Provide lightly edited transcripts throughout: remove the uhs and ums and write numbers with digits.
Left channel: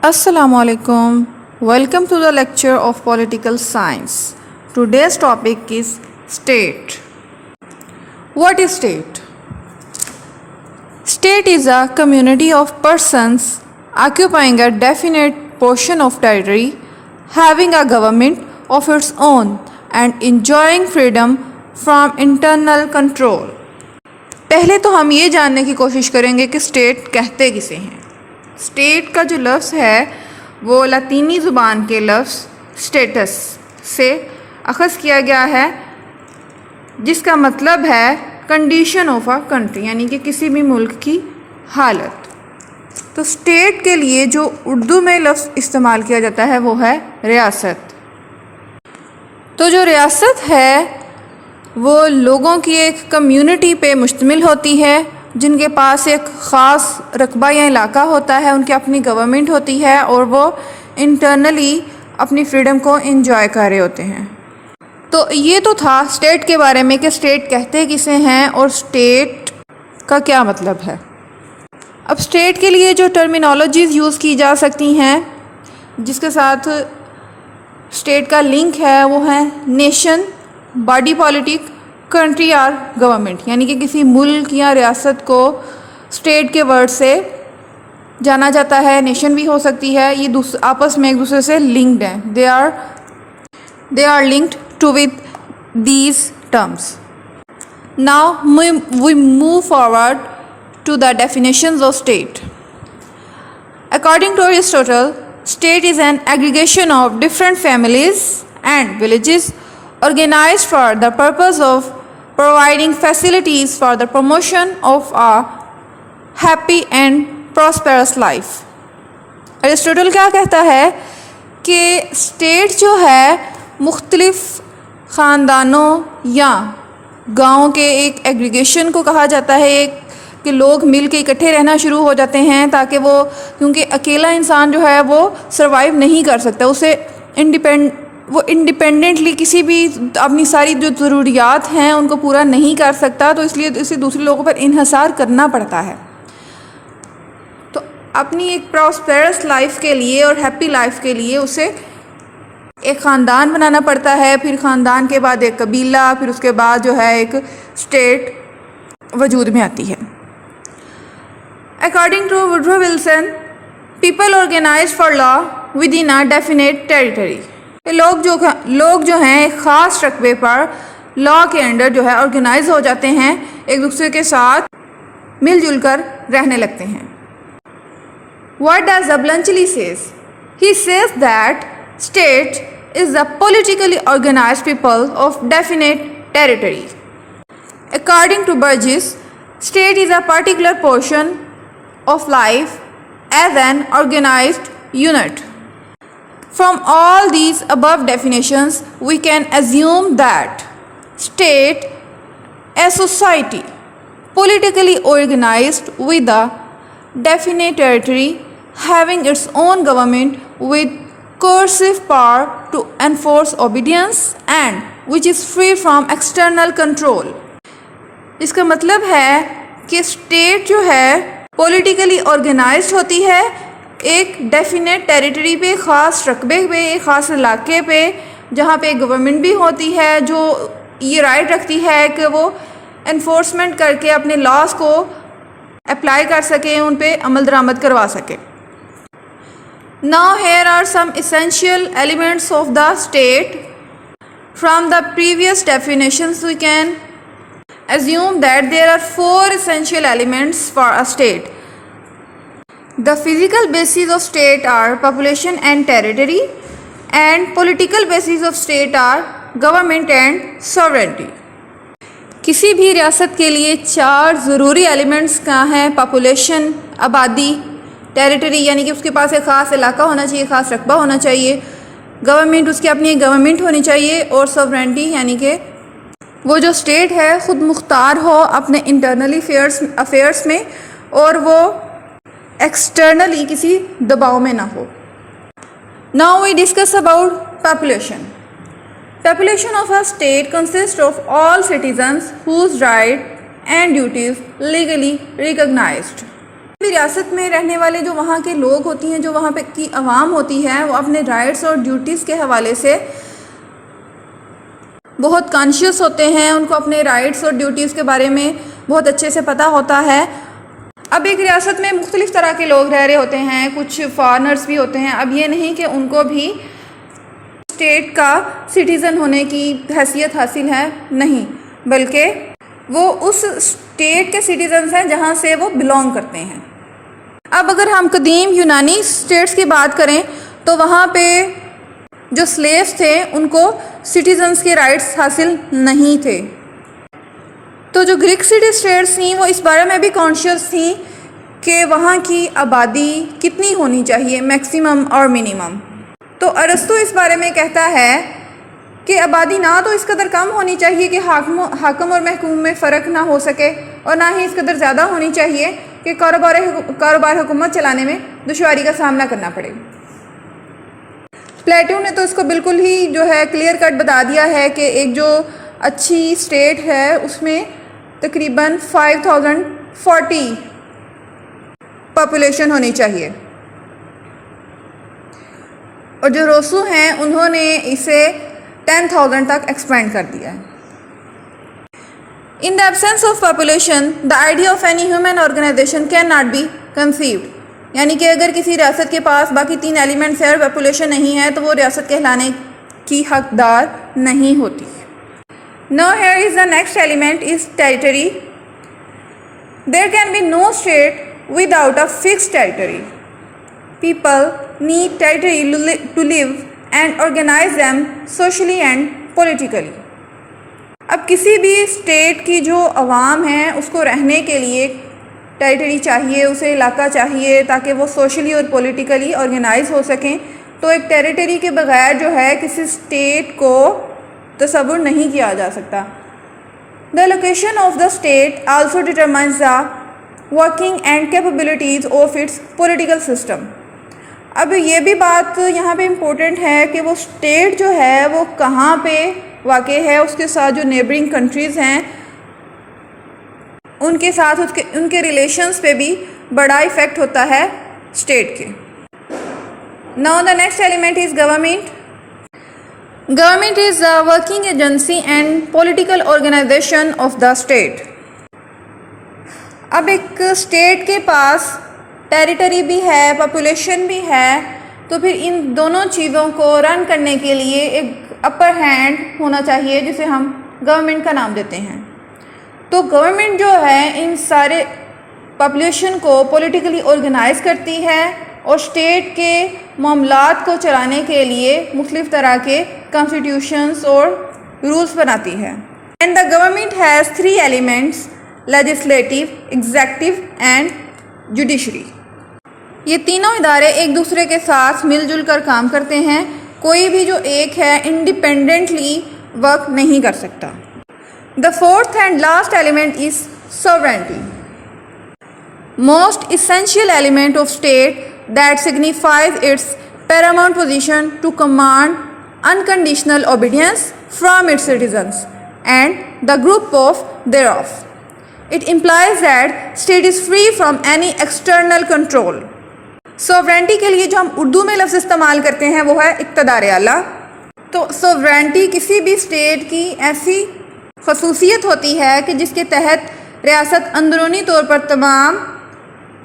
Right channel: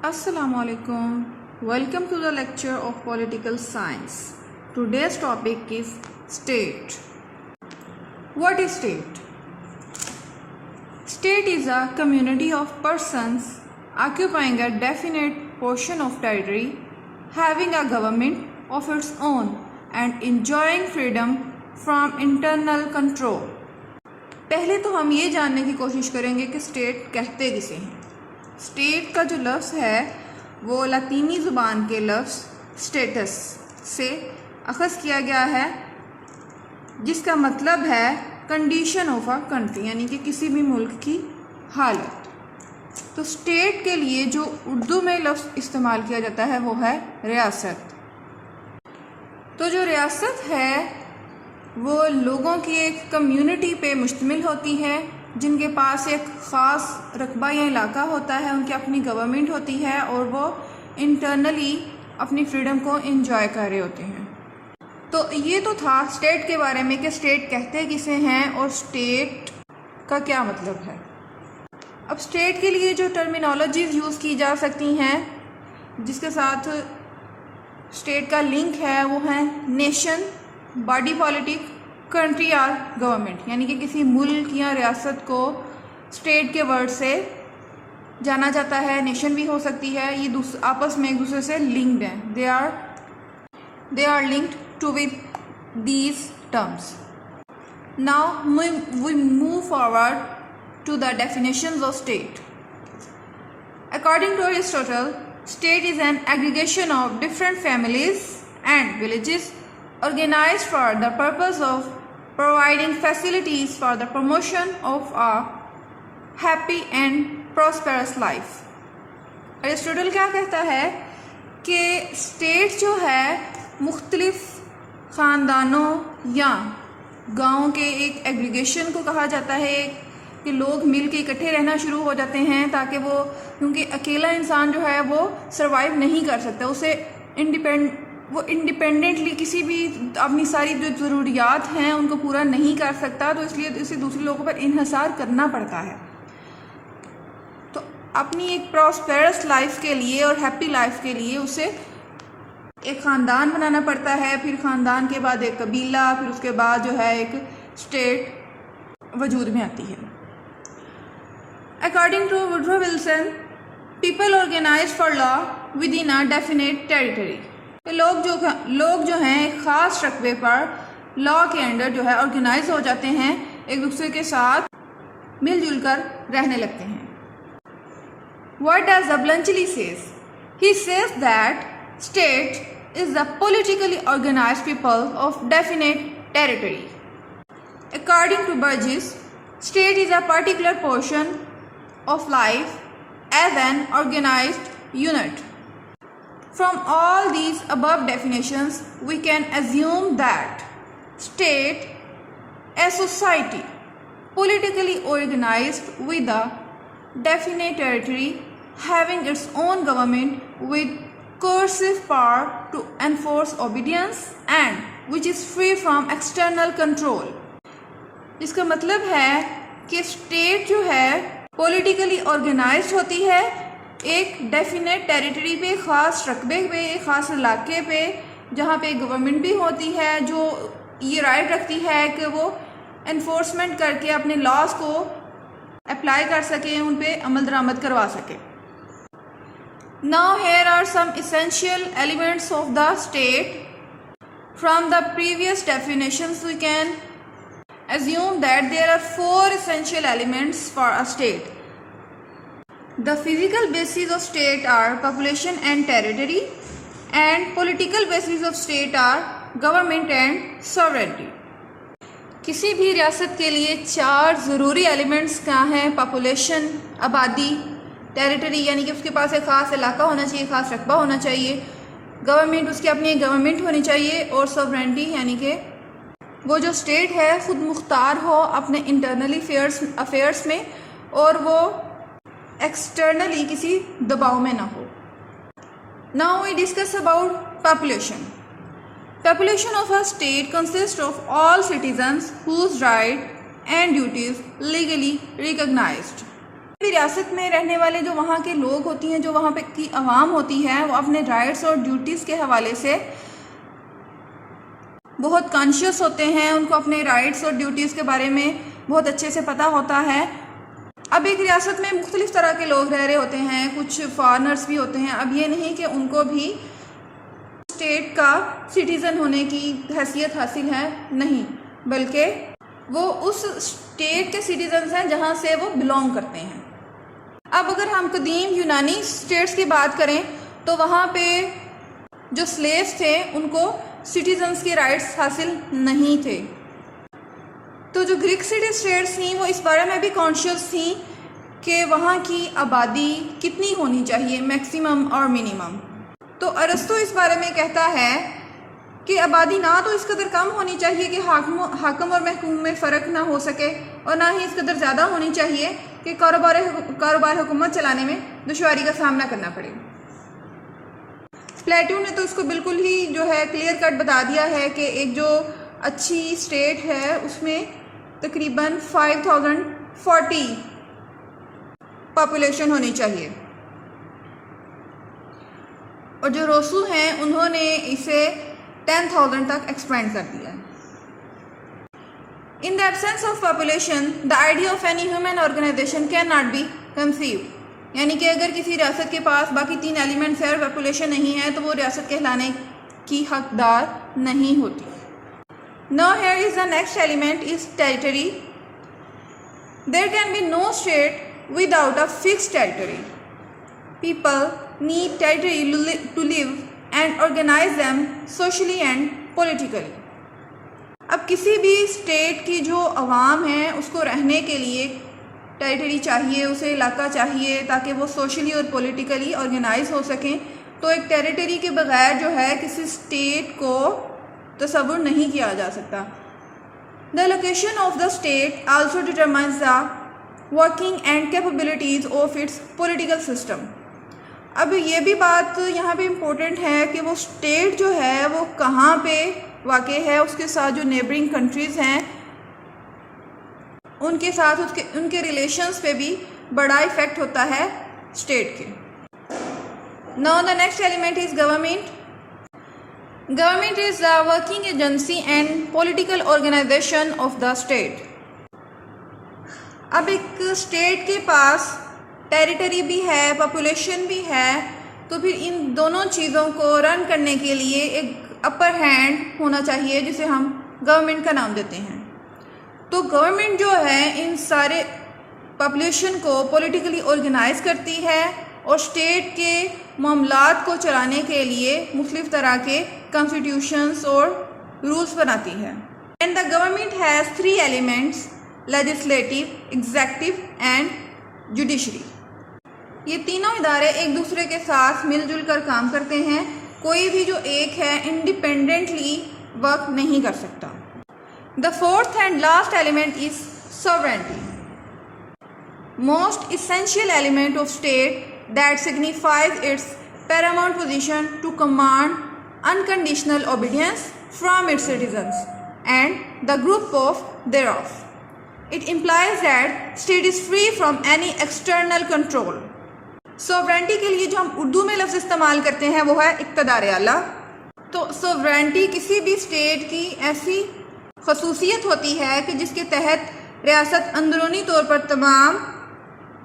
Assalamu alaikum. Welcome to the lecture of political science. Today's topic is state. What is state? State is a community of persons occupying a definite portion of territory, having a government of its own and enjoying freedom from internal control. پہلے تو ہم یہ جاننے کی کوشش کریں گے کہ اسٹیٹ کہتے کسے ہیں. اسٹیٹ کا جو لفظ ہے وہ لاطینی زبان کے لفظ اسٹیٹس سے اخذ کیا گیا ہے، جس کا مطلب ہے کنڈیشن آف اے کنٹری، یعنی کہ کسی بھی ملک کی حالت. تو اسٹیٹ کے لیے جو اردو میں لفظ استعمال کیا جاتا ہے وہ ہے ریاست. تو جو ریاست ہے وہ لوگوں کی ایک کمیونٹی پہ مشتمل ہوتی ہے، جن کے پاس ایک خاص رقبہ یا علاقہ ہوتا ہے، ان کی اپنی گورنمنٹ ہوتی ہے اور وہ انٹرنلی اپنی فریڈم کو انجوائے کر رہے ہوتے ہیں. تو یہ تو تھا اسٹیٹ کے بارے میں کہ اسٹیٹ کہتے کسے ہیں اور اسٹیٹ کا کیا مطلب ہے. اب اسٹیٹ کے لیے جو ٹرمینالوجیز یوز کی جا سکتی ہیں جس کے ساتھ اسٹیٹ کا لنک ہے وہ ہے نیشن، باڈی پالیٹک، کنٹری اور گورنمنٹ، یعنی کہ کسی ملک یا ریاست کو اسٹیٹ کے ورڈ سے جانا جاتا ہے. نیشن بھی ہو سکتی ہے، یہ آپس میں ایک دوسرے سے لنکڈ ہیں. they are linked to with these terms. Now we move forward to the definitions of state. According to Aristotle, state is an aggregation of different families and villages organized for the purpose of providing facilities for the promotion of a happy and prosperous life. Aristotle کیا کہتا ہے کہ state جو ہے مختلف خاندانوں یا گاؤں کے ایک ایگریگیشن کو کہا جاتا ہے، ایک کہ لوگ مل کے اکٹھے رہنا شروع ہو جاتے ہیں تاکہ وہ، کیونکہ اکیلا انسان جو ہے وہ سروائیو نہیں کر سکتا، اسے وہ انڈیپینڈنٹلی کسی بھی اپنی ساری جو ضروریات ہیں ان کو پورا نہیں کر سکتا، تو اس لیے اسے دوسرے لوگوں پر انحصار کرنا پڑتا ہے. تو اپنی ایک پراسپیرس لائف کے لیے اور ہیپی لائف کے لیے اسے ایک خاندان بنانا پڑتا ہے، پھر خاندان کے بعد ایک قبیلہ، پھر اس کے بعد جو ہے ایک اسٹیٹ وجود میں آتی ہے. According to Woodrow Wilson, people organized for law within a definite territory. لوگ جو ہیں ایک خاص رقبے پر لا کے انڈر جو ہے آرگنائز ہو جاتے ہیں، ایک دوسرے کے ساتھ مل جل کر رہنے لگتے ہیں. What does Ablanchili says? He says that state is the politically organized people of definite territory. According to Burgess, state is a particular portion of life as an organized unit. From all these above definitions, we can assume that state, a society politically organized with a definite territory, having its own government with coercive power to enforce obedience and which is free from external control. اس کا مطلب ہے کہ state جو ہے politically organized ہوتی ہے ایک definite territory پہ، خاص رقبے پہ، ایک خاص علاقے پہ، جہاں پہ گورنمنٹ بھی ہوتی ہے جو یہ رائٹ رکھتی ہے کہ وہ انفورسمنٹ کر کے اپنے لاز کو اپلائی کر سکے، ان پہ عمل درآمد کروا سکے. Now here are some essential elements of the state. From the previous definitions we can assume that there are 4 essential elements for a state. The physical bases of state are population and territory, and political bases of state are government and sovereignty. کسی بھی ریاست کے لیے 4 ضروری elements کیا ہیں؟ Population, آبادی، territory یعنی کہ اس کے پاس ایک خاص علاقہ ہونا چاہیے، خاص رقبہ ہونا چاہیے، گورنمنٹ اس کی اپنی گورنمنٹ ہونی چاہیے، اور سوورنٹی یعنی کہ وہ جو اسٹیٹ ہے خود مختار ہو اپنے انٹرنلی افیئرس میں اور وہ ایکسٹرنلی کسی دباؤ میں نہ ہو. Now we discuss about population. Population of a state consists of all citizens whose rights and duties legally recognized. بھی ریاست میں رہنے والے جو وہاں کے لوگ ہوتی ہیں، جو وہاں پہ کی عوام ہوتی ہے، وہ اپنے رائٹس اور ڈیوٹیز کے حوالے سے بہت کانشیس ہوتے ہیں، ان کو اپنے رائٹس اور ڈیوٹیز کے بارے میں بہت اچھے سے پتہ ہوتا ہے۔ اب ایک ریاست میں مختلف طرح کے لوگ رہ رہے ہوتے ہیں، کچھ فارنرز بھی ہوتے ہیں۔ اب یہ نہیں کہ ان کو بھی اسٹیٹ کا سٹیزن ہونے کی حیثیت حاصل ہے، نہیں، بلکہ وہ اس اسٹیٹ کے سٹیزنز ہیں جہاں سے وہ بلونگ کرتے ہیں۔ اب اگر ہم قدیم یونانی اسٹیٹس کی بات کریں تو وہاں پہ جو سلیوز تھے ان کو سٹیزنز کے رائٹس حاصل نہیں تھے۔ تو جو گریک سٹی اسٹیٹس تھیں وہ اس بارے میں بھی کانشیس تھیں کہ وہاں کی آبادی کتنی ہونی چاہیے، میکسیمم اور منیمم۔ تو ارسطو اس بارے میں کہتا ہے کہ آبادی نہ تو اس قدر کم ہونی چاہیے کہ حاکم اور محکوم میں فرق نہ ہو سکے، اور نہ ہی اس قدر زیادہ ہونی چاہیے کہ کاروبار حکومت چلانے میں دشواری کا سامنا کرنا پڑے۔ پلیٹو نے تو اس کو بالکل ہی جو ہے کلیئر کٹ بتا دیا ہے کہ ایک جو اچھی اسٹیٹ ہے اس میں تقریباً 5040 پاپولیشن ہونی چاہیے، اور جو روسو ہیں انہوں نے اسے 10,000 تک ایکسپینڈ کر دیا ہے۔ In the absence of population, the idea of any human organization cannot be conceived. یعنی کہ اگر کسی ریاست کے پاس باقی 3 ایلیمنٹس ہیں اور پاپولیشن نہیں ہے تو وہ ریاست کہلانے کی حقدار نہیں ہوتی۔ Now here is the next element is territory. There can be no state without a fixed territory. People need territory to live and organize them socially and politically. اب کسی بھی اسٹیٹ کی جو عوام ہیں اس کو رہنے کے لیے ٹیریٹری چاہیے، اسے علاقہ چاہیے تاکہ وہ سوشلی اور پولیٹیکلی آرگنائز ہو سکیں۔ تو ایک ٹیریٹری کے بغیر جو ہے کسی اسٹیٹ کو تصور نہیں کیا جا سکتا۔ The location of the state also determines the working and capabilities of its political system. اب یہ بھی بات یہاں پہ امپورٹنٹ ہے کہ وہ اسٹیٹ جو ہے وہ کہاں پہ واقع ہے، اس کے ساتھ جو نیبرنگ کنٹریز ہیں ان کے ساتھ ان کے ریلیشنز پہ بھی بڑا ایفیکٹ ہوتا ہے اسٹیٹ کے۔ Now the next element is government. Government is the working agency and political organization of the state. اب ایک اسٹیٹ کے پاس ٹیریٹری بھی ہے، پاپولیشن بھی ہے، تو پھر ان دونوں چیزوں کو رن کرنے کے لیے ایک اپر ہینڈ ہونا چاہیے جسے ہم گورنمنٹ کا نام دیتے ہیں۔ تو گورنمنٹ جو ہے ان سارے پاپولیشن کو پولیٹیکلی آرگنائز کرتی ہے اور اسٹیٹ کے معاملات کو چلانے کے لیے مختلف طرح کے کانسٹیٹیوشنز اور رولز بناتی ہے۔ And the government has 3 elements: legislative, executive and judiciary. یہ تینوں ادارے ایک دوسرے کے ساتھ مل جل کر کام کرتے ہیں، کوئی بھی جو ایک ہے انڈیپینڈنٹلی ورک نہیں کر سکتا۔ The fourth and last element is sovereignty. Most essential element of state that signifies its paramount position to command unconditional obedience from its citizens and the group of thereof. It implies that state is free from any external control. Sovereignty کے لیے جو ہم اردو میں لفظ استعمال کرتے ہیں وہ ہے اقتدار اعلیٰ۔ تو سوورینٹی کسی بھی اسٹیٹ کی ایسی خصوصیت ہوتی ہے کہ جس کے تحت ریاست اندرونی طور پر تمام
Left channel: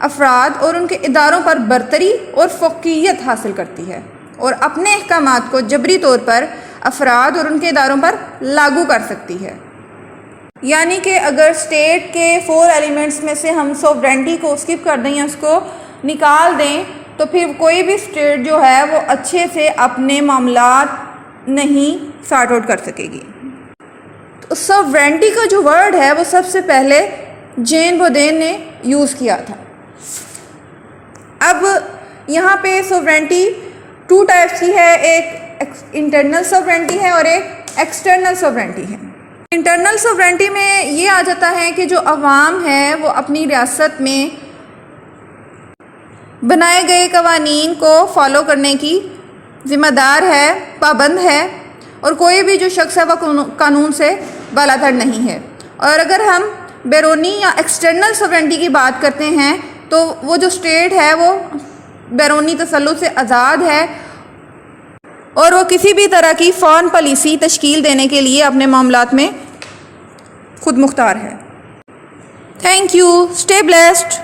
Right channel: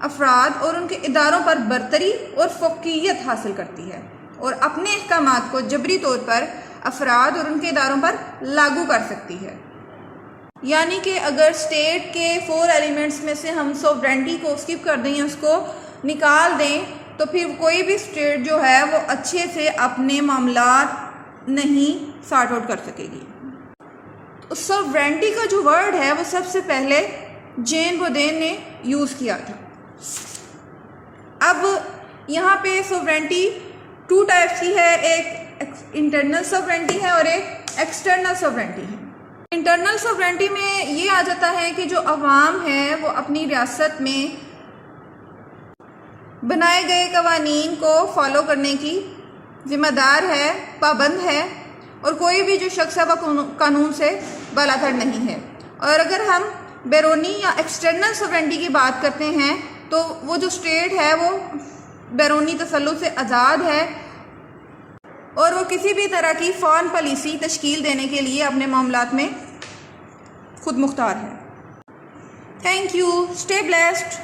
افراد اور ان کے اداروں پر برتری اور فوقیت حاصل کرتی ہے اور اپنے احکامات کو جبری طور پر افراد اور ان کے اداروں پر لاگو کر سکتی ہے۔ یعنی کہ اگر اسٹیٹ کے 4 ایلیمنٹس میں سے ہم سوورینٹی کو اسکپ کر دیں یا اس کو نکال دیں تو پھر کوئی بھی اسٹیٹ جو ہے وہ اچھے سے اپنے معاملات نہیں سارٹ آؤٹ کر سکے گی۔ تو سوورینٹی کا جو ورڈ ہے وہ سب سے پہلے جین بودین نے یوز کیا تھا۔ اب یہاں پہ سوورینٹی 2 ٹائپس کی ہے، ایک انٹرنل سوورینٹی ہے اور ایک ایکسٹرنل سوورینٹی ہے۔ انٹرنل سوورینٹی میں یہ آ جاتا ہے کہ جو عوام ہے وہ اپنی ریاست میں بنائے گئے قوانین کو فالو کرنے کی ذمہ دار ہے، پابند ہے، اور کوئی بھی جو شخص ہے وہ قانون سے بالاتر نہیں ہے۔ اور اگر ہم بیرونی یا ایکسٹرنل سوورینٹی کی بات کرتے ہیں تو وہ جو اسٹیٹ ہے وہ بیرونی تسلط سے آزاد ہے اور وہ کسی بھی طرح کی فارن پالیسی تشکیل دینے کے لیے اپنے معاملات میں خود مختار ہے. Thank you. Stay blessed.